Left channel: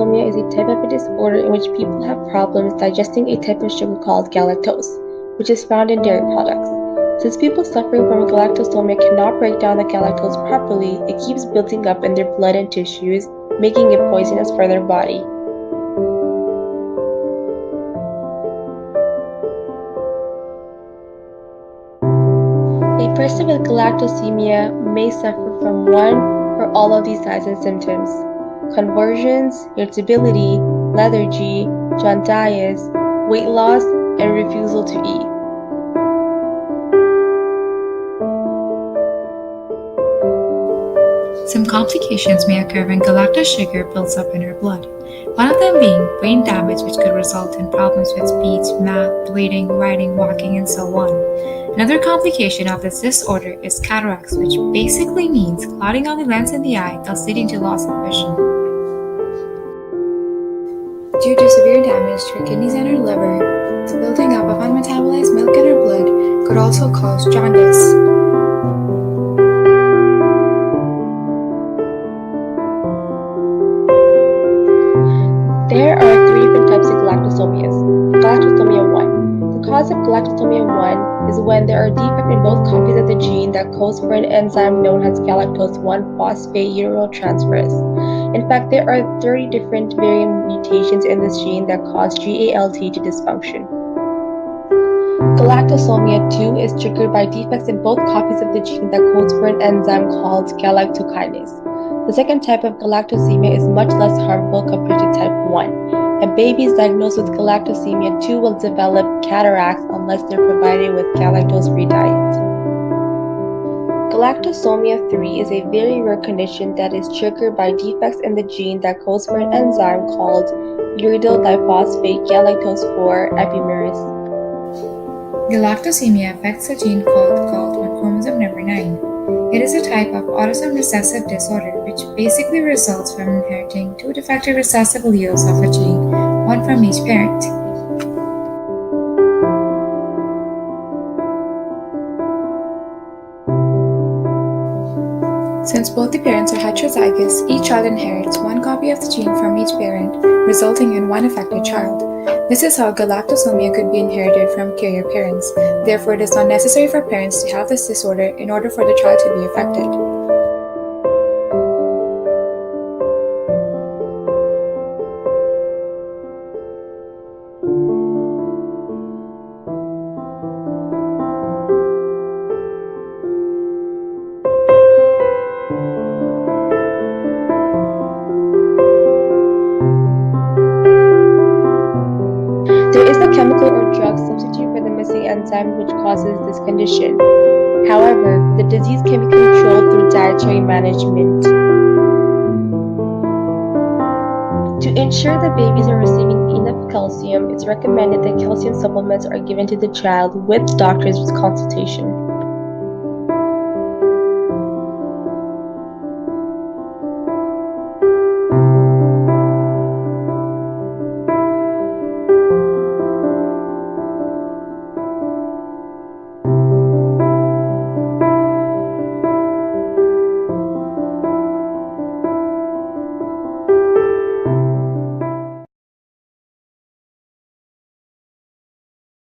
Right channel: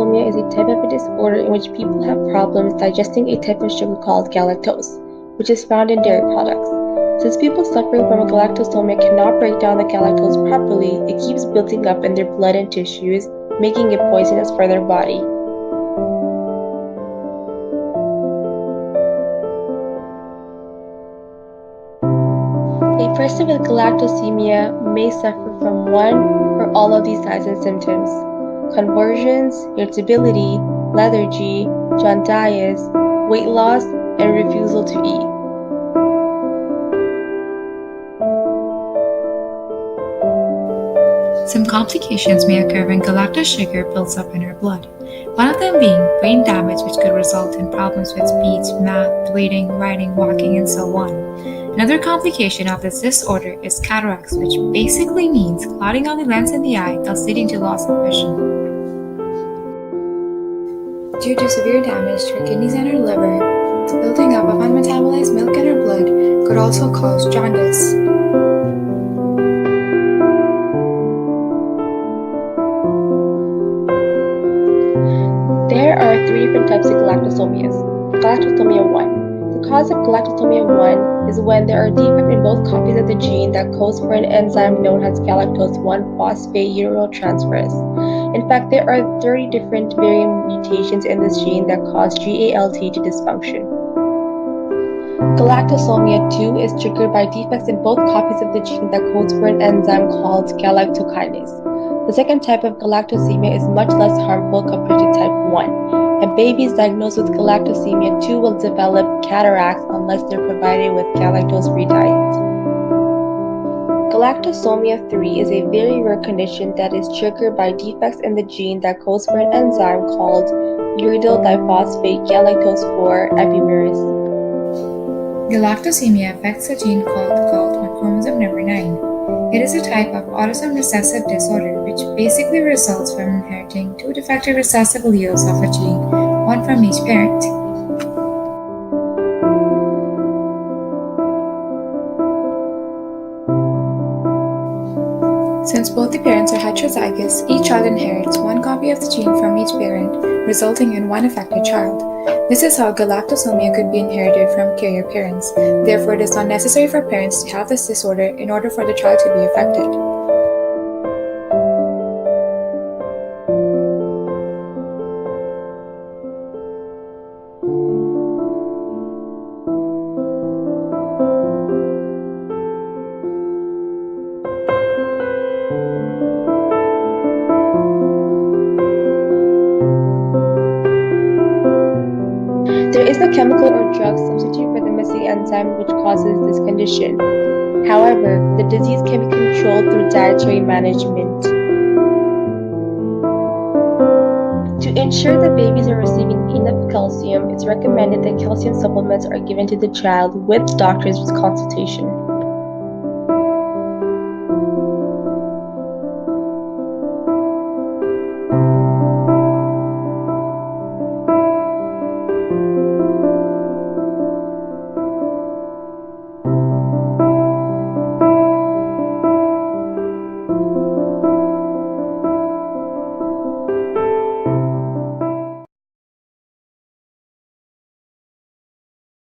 galactosomia is a type of a disorder in which people have problems digesting a type of sugar called galactose, which is found in dairy products. Since people suffering from galactosomia cannot break down the galactose properly, it keeps building up in their blood and tissues, making it poisonous for their body. A person with galactosemia may suffer from one or all of these signs and symptoms: convulsions, irritability, lethargy, jaundice, weight loss, and refusal to eat. Some complications may occur when galactose sugar builds up in our blood. One of them being brain damage, which could result in problems with speech, math, reading, writing, walking, and so on. Another complication of this disorder is cataracts, which basically means clouding of the lens in the eye, thus leading to loss of vision. Due to severe damage to our kidneys and our liver, the building up of unmetabolized milk in our blood could also cause jaundice. There are three different types of galactosomias. Galactosomia 1. The cause of galactosomia 1 is when there are defects in both copies of the gene that codes for an enzyme known as galactose 1-phosphate uridinotransferase. In fact, there are 30 different variant mutations in this gene that cause GALT to dysfunction. Galactosomia 2 is triggered by defects in both copies of the gene that codes for an enzyme called galactokinase. The second type of galactosemia is much less harmful compared to type 1. And babies diagnosed with galactosemia 2 will develop cataracts unless they're provided with galactose-free diet. Galactosomia 3 is a very rare condition that is triggered by defects in the gene that codes for an enzyme called uridyl-diphosphate galactose 4 epimerase. Galactosemia affects a gene called GALT on chromosome number 9. It is a type of autosomal recessive disorder which basically results from inheriting two defective recessive alleles of a gene, one from each parent. Since both the parents are heterozygous, each child inherits one copy of the gene from each parent, resulting in one affected child. This is how galactosomia could be inherited from carrier parents. Therefore, it is not necessary for parents to have this disorder in order for the child to be affected. There is no chemical or drug substitute for the missing enzyme which causes this condition. However, the disease can be controlled through dietary management. To ensure that babies are receiving enough calcium, it's recommended that calcium supplements are given to the child with doctors' consultation.